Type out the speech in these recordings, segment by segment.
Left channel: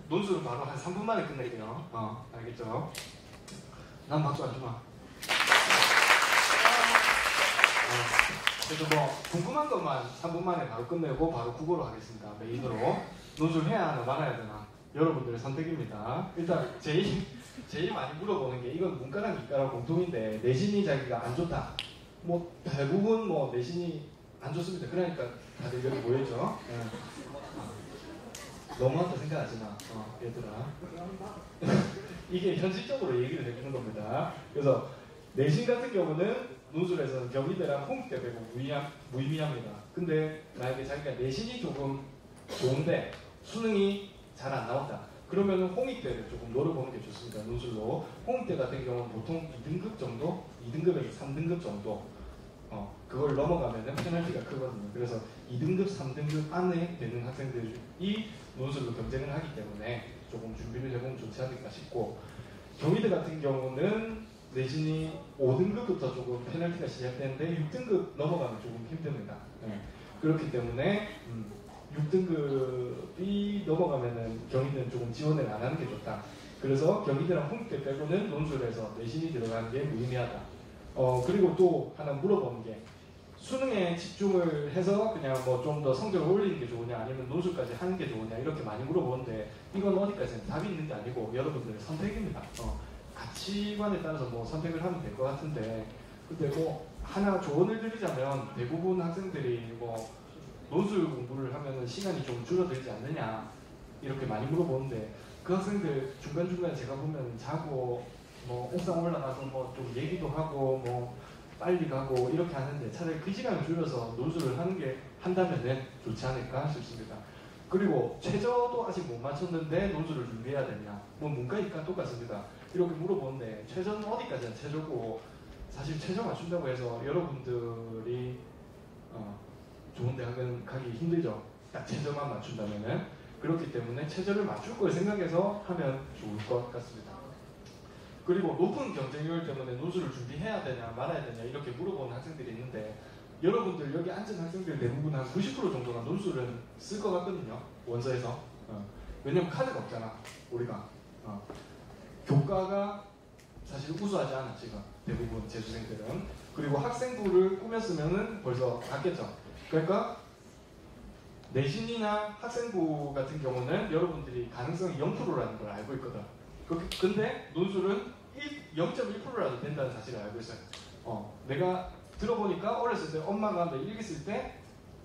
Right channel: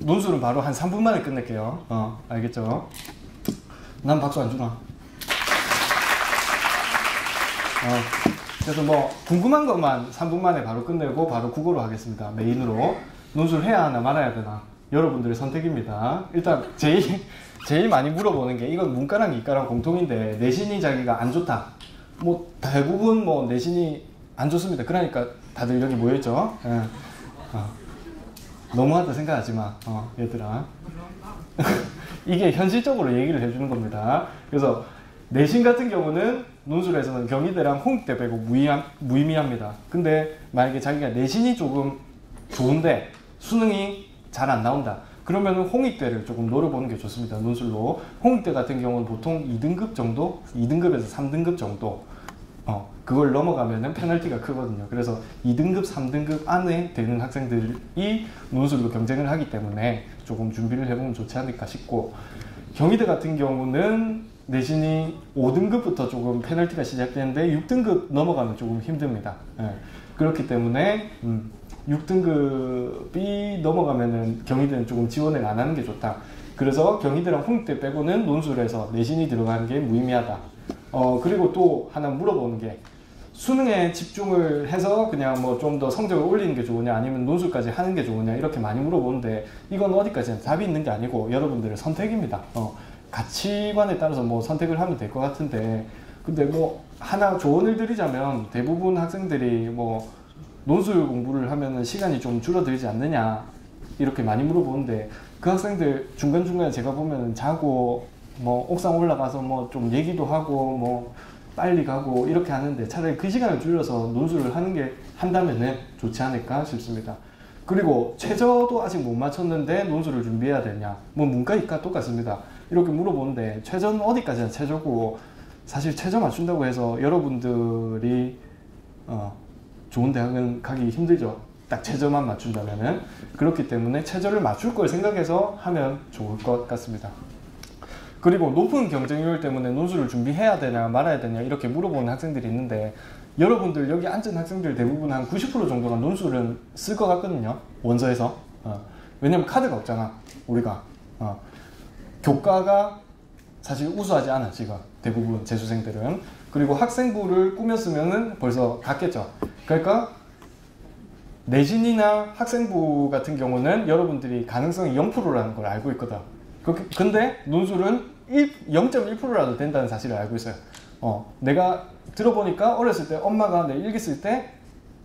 논술은 바로 한 3분 만에 끝낼게요. 알겠죠? 난 박수 안 주나? 그래서 뭐 궁금한 것만 3분 만에 바로 끝내고 바로 국어로 하겠습니다. 메인으로. 논술 해야 하나 말아야 되나? 여러분들의 선택입니다. 일단 제일 많이 물어보는 게, 이건 문과랑 이과랑 공통인데, 내신이 자기가 안 좋다. 뭐 대부분 뭐 내신이 안 좋습니다. 그러니까 다들 여기 모여있죠. 너무하다 생각하지 마, 얘들아. 이게 현실적으로 얘기를 해주는 겁니다. 그래서 내신 같은 경우는 논술에서는 경희대랑 홍익대 빼고 무의미합니다. 근데 만약에 자기가 내신이 조금 좋은데 수능이 잘 안 나온다. 그러면 홍익대를 조금 노려보는 게 좋습니다. 논술로. 홍익대 같은 경우는 보통 2등급 정도? 2등급에서 3등급 정도. 그걸 넘어가면은 페널티가 크거든요. 그래서 2등급, 3등급 안에 되는 학생들이 논술로 경쟁을 하기 때문에 조금 준비를 해보면 좋지 않을까 싶고, 경희대 같은 경우는 내신이 5등급부터 조금 페널티가 시작되는데 6등급 넘어가면 조금 힘듭니다. 그렇기 때문에 6등급이 넘어가면은 경희대는 조금 지원을 안 하는 게 좋다. 그래서 경희대랑 홍익대 빼고는 논술에서 내신이 들어가는 게 무의미하다. 그리고 또 하나 물어보는 게, 수능에 집중을 해서 그냥 뭐 좀 더 성적을 올리는 게 좋으냐, 아니면 논술까지 하는 게 좋으냐, 이렇게 많이 물어보는데, 이건 어디까지나 답이 있는 게 아니고 여러분들의 선택입니다. 가치관에 따라서 뭐 선택을 하면 될 것 같은데, 근데 뭐 하나 조언을 드리자면, 대부분 학생들이 뭐 논술 공부를 하면은 시간이 좀 줄어들지 않느냐 이렇게 많이 물어보는데, 그 학생들 중간중간에 제가 보면 자고 뭐 옥상 올라가서 뭐 좀 얘기도 하고 뭐 빨리 가고 이렇게 하는데, 차라리 그 시간을 줄여서 논술을 한다면은 좋지 않을까 싶습니다. 그리고 최저도 아직 못 맞췄는데 논술을 준비해야 되냐, 뭐 문과 이과 똑같습니다. 이렇게 물어보는데, 최저는 어디까지나 최저고, 사실 최저 맞춘다고 해서 여러분들이 좋은 대학은 가기 힘들죠. 딱 최저만 맞춘다면은. 그렇기 때문에 최저를 맞출 걸 생각해서 하면 좋을 것 같습니다. 그리고 높은 경쟁률 때문에 논술을 준비해야 되냐 말아야 되냐 이렇게 물어보는 학생들이 있는데, 여러분들 여기 앉은 학생들 대부분 한 90% 정도가 논술은 쓸 것 같거든요. 원서에서. 왜냐면 카드가 없잖아, 우리가. 교과가 사실 우수하지 않아, 지금 대부분 재수생들은. 그리고 학생부를 꾸몄으면은 벌써 갔겠죠. 그러니까 내신이나 학생부 같은 경우는 여러분들이 가능성이 0%라는 걸 알고 있거든. 근데 논술은 0.1%라도 된다는 사실을 알고 있어요. 내가 들어보니까 어렸을 때 엄마가 내 일기 쓸 때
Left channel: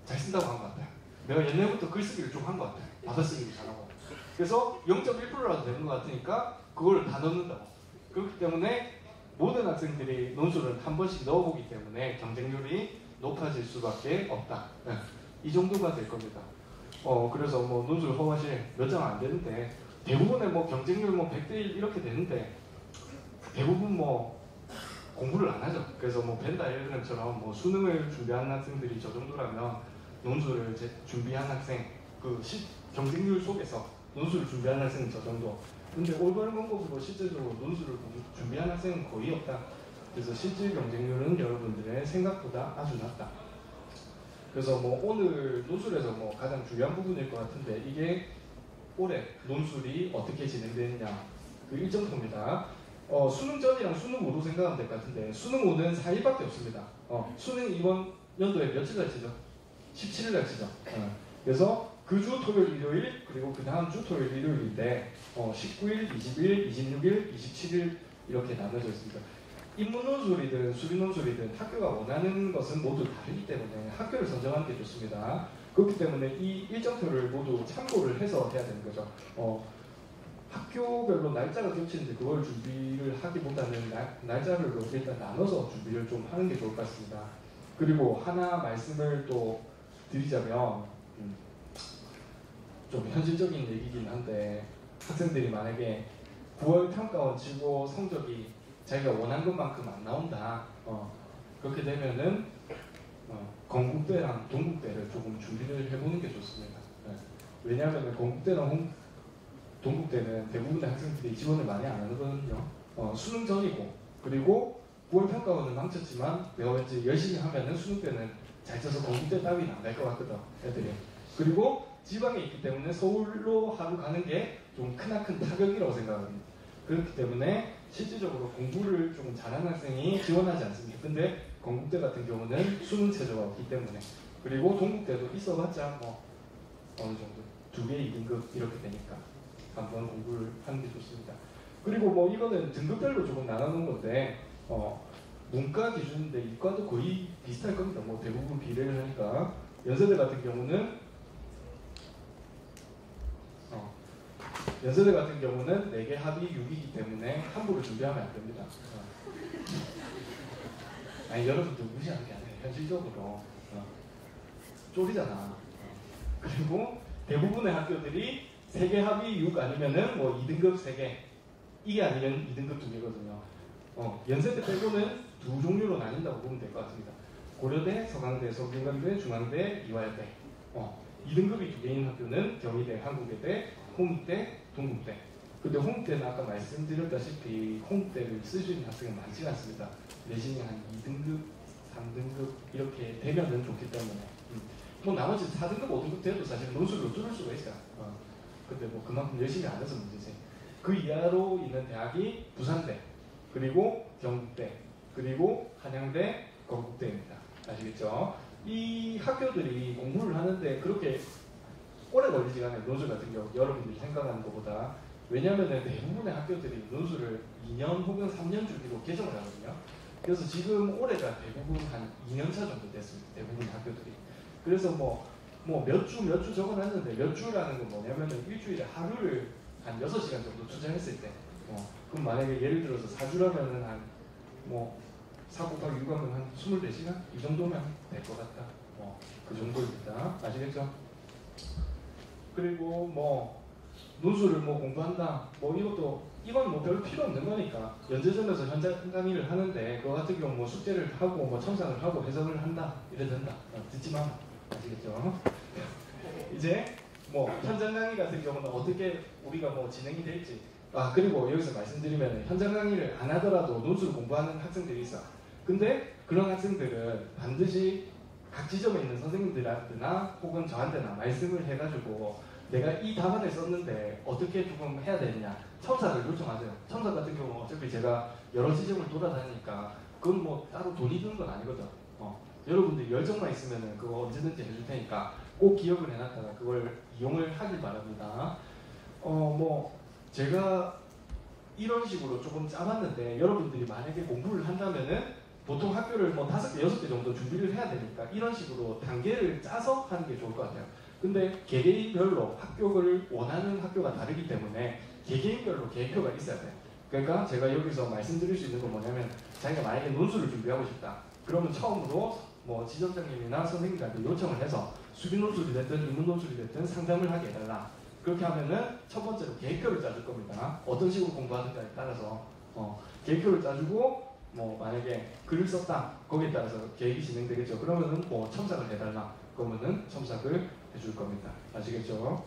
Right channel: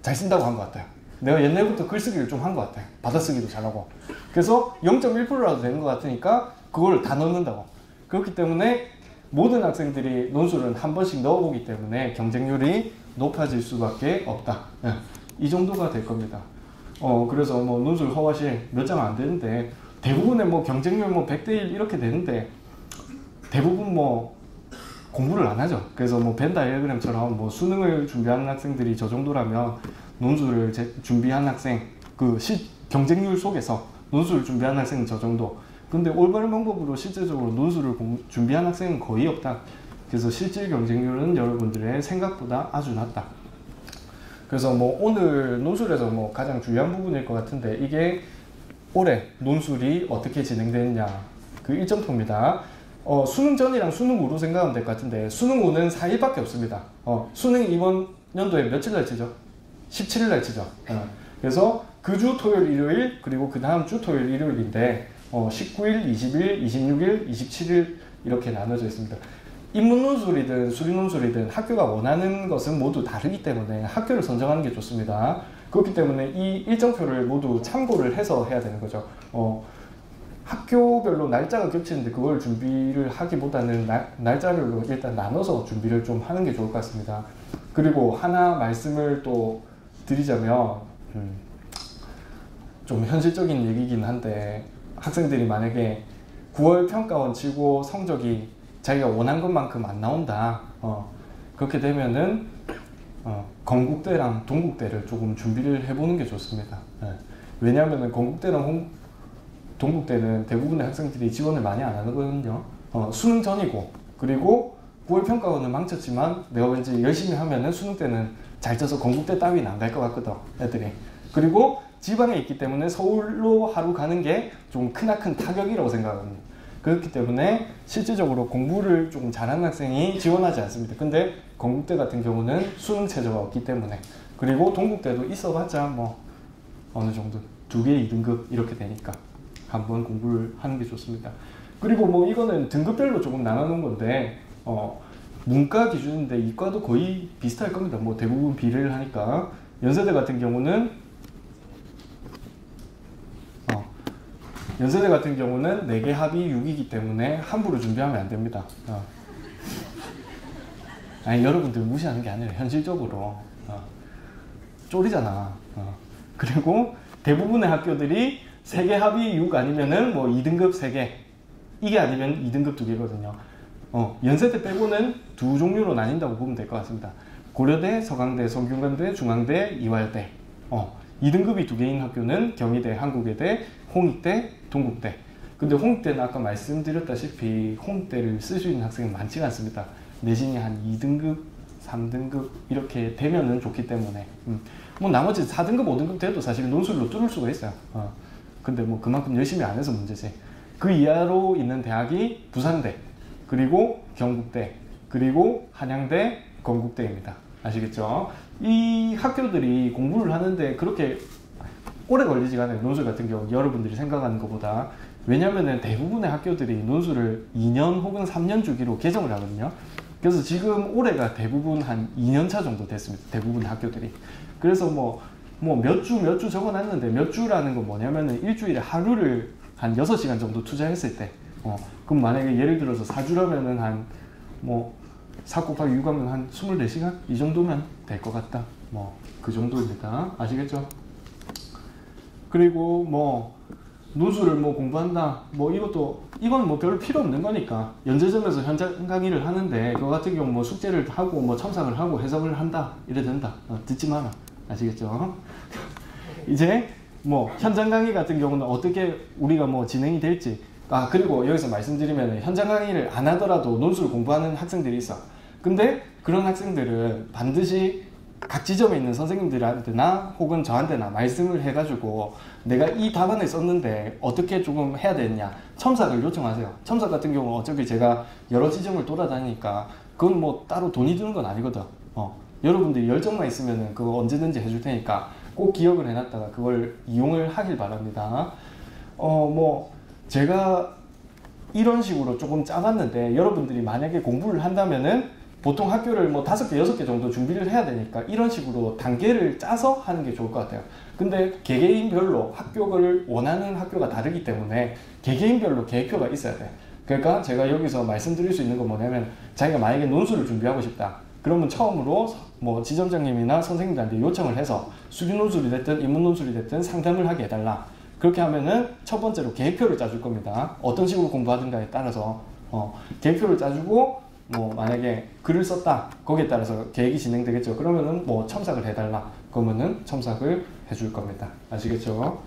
잘 쓴다고 한 것 같아요. 내가 옛날부터 글쓰기를 좀 한 것 같아요. 받아쓰기도 잘하고. 그래서 0.1%라도 되는 것 같으니까 그걸 다 넣는다고. 그렇기 때문에 모든 학생들이 논술은 한 번씩 넣어보기 때문에 경쟁률이 높아질 수밖에 없다. 이 정도가 될 겁니다. 그래서 뭐 논술 허가실 몇 장 안 되는데, 대부분의 뭐 경쟁률 뭐 100대 1 이렇게 되는데, 대부분 뭐 공부를 안 하죠. 그래서 뭐 벤 다이어그램처럼 뭐 수능을 준비하는 학생들이 저 정도라면, 논술을 준비한 학생, 경쟁률 속에서 논술을 준비하는 학생은 저 정도. 근데 올바른 방법으로 실제적으로 논술을 준비한 학생은 거의 없다. 그래서 실질 경쟁률은 여러분들의 생각보다 아주 낮다. 그래서 뭐 오늘 논술에서 뭐 가장 중요한 부분일 것 같은데, 이게 올해 논술이 어떻게 진행되느냐, 그 일정표입니다. 수능 전이랑 수능 후로 생각하면 될 것 같은데, 수능 후는 4일밖에 없습니다. 수능이 이번 연도에 며칠 날 치죠? 17일 날 치죠. 그래서 그 주 토요일, 일요일, 그리고 그 다음 주 토요일, 일요일인데 19일, 20일, 26일, 27일 이렇게 나눠져 있습니다. 인문 논술이든 수리 논술이든 학교가 원하는 것은 모두 다르기 때문에 학교를 선정하는 게 좋습니다. 그렇기 때문에 이 일정표를 모두 참고를 해서 해야 되는 거죠. 학교별로 날짜가 겹치는데 그걸 준비를 하기보다는 날짜별로 일단 나눠서 준비를 좀 하는 게 좋을 것 같습니다. 그리고 하나 말씀을 또 드리자면, 좀 현실적인 얘기긴 한데, 학생들이 만약에 9월 평가원 치고 성적이 자기가 원한 것만큼 안 나온다, 그렇게 되면은 건국대랑 동국대를 조금 준비를 해보는 게 좋습니다. 왜냐하면 건국대랑 동국대는 대부분의 학생들이 지원을 많이 안 하거든요. 수능 전이고, 그리고 9월 평가원은 망쳤지만 내가 왠지 열심히 하면은 수능 때는 잘 쳐서 건국대 따위는 안 갈 것 같거든, 애들이. 그리고 지방에 있기 때문에 서울로 하루 가는 게 좀 크나큰 타격이라고 생각하거든요. 그렇기 때문에 실질적으로 공부를 좀 잘하는 학생이 지원하지 않습니다. 근데 건국대 같은 경우는 수능 체제가 없기 때문에, 그리고 동국대도 있어봤자 뭐 어느 정도 2개 2등급 이렇게 되니까 한번 공부를 하는 게 좋습니다. 그리고 뭐 이거는 등급별로 조금 나누는 건데 문과 기준인데 이과도 거의 비슷할 겁니다. 뭐 대부분 비례를 하니까. 연세대 같은 경우는 4개 합이 6이기 때문에 함부로 준비하면 안 됩니다. 아니 여러분들 무시하는 게 아니라 현실적으로 쫄이잖아. 그리고 대부분의 학교들이 3개 합이 6 아니면은 뭐 2등급 3개, 이게 아니면 2등급 2개거든요. 연세대 빼고는 2 종류로 나뉜다고 보면 될 것 같습니다. 고려대, 서강대, 성균관대, 중앙대, 이화여대. 2등급이 2개인 학교는 경희대, 한국외대, 홍익대, 동국대. 근데 홍익대는 아까 말씀드렸다시피 홍익대를 쓸 수 있는 학생은 많지가 않습니다. 내신이 한 2등급, 3등급 이렇게 되면은 좋기 때문에 뭐 나머지 4등급, 5등급 돼도 사실 논술로 뚫을 수가 있어요. 근데 뭐 그만큼 열심히 안 해서 문제지. 그 이하로 있는 대학이 부산대, 그리고 경북대, 그리고 한양대, 건국대입니다. 아시겠죠? 이 학교들이 공부를 하는데 그렇게 오래 걸리지가 않아요. 논술 같은 경우 여러분들이 생각하는 것보다. 왜냐면은 대부분의 학교들이 논술을 2년 혹은 3년 주기로 개정을 하거든요. 그래서 지금 올해가 대부분 한 2년차 정도 됐습니다. 대부분 학교들이. 그래서 뭐 몇 주 적어놨는데, 몇 주라는 건 뭐냐면은 일주일에 하루를 한 6시간 정도 투자했을 때, 그럼 만약에 예를 들어서 4주라면은 한 4 곱하기 6 하면 한 24시간? 이 정도면 될 것 같다. 뭐 그 정도입니다. 아시겠죠? 그리고 뭐 논술을 뭐 공부한다, 뭐 이건 뭐 별로 필요 없는 거니까 연재점에서 현장 강의를 하는데 그거 같은 경우 뭐 숙제를 하고 뭐 첨삭을 하고 해석을 한다 이래 된다. 듣지 마라. 아시겠죠? 이제 뭐 현장 강의 같은 경우는 어떻게 우리가 뭐 진행이 될지, 그리고 여기서 말씀드리면 현장 강의를 안 하더라도 논술 공부하는 학생들이 있어. 근데 그런 학생들은 반드시 각 지점에 있는 선생님들한테나 혹은 저한테나 말씀을 해가지고 내가 이 답안을 썼는데 어떻게 조금 해야 되느냐, 첨삭을 요청하세요. 첨삭 같은 경우는 어차피 제가 여러 지점을 돌아다니니까 그건 뭐 따로 돈이 드는 건 아니거든. 여러분들이 열정만 있으면 그거 언제든지 해줄 테니까 꼭 기억을 해놨다가 그걸 이용을 하길 바랍니다. 뭐 제가 이런 식으로 조금 짜봤는데 여러분들이 만약에 공부를 한다면은 보통 학교를 뭐 5개, 6개 정도 준비를 해야 되니까 이런 식으로 단계를 짜서 하는 게 좋을 것 같아요. 근데 개개인별로 학교를 원하는 학교가 다르기 때문에 개개인별로 계획표가 있어야 돼. 그러니까 제가 여기서 말씀드릴 수 있는 건 뭐냐면, 자기가 만약에 논술을 준비하고 싶다. 그러면 처음으로 뭐 지점장님이나 선생님들한테 요청을 해서 수리 논술이 됐든 인문 논술이 됐든 상담을 하게 해달라. 그렇게 하면은 첫 번째로 계획표를 짜줄 겁니다. 어떤 식으로 공부하든가에 따라서 계획표를 짜주고, 뭐 만약에 글을 썼다, 거기에 따라서 계획이 진행되겠죠. 그러면은 뭐 첨삭을 해달라, 그러면은 첨삭을 해줄 겁니다. 아시겠죠?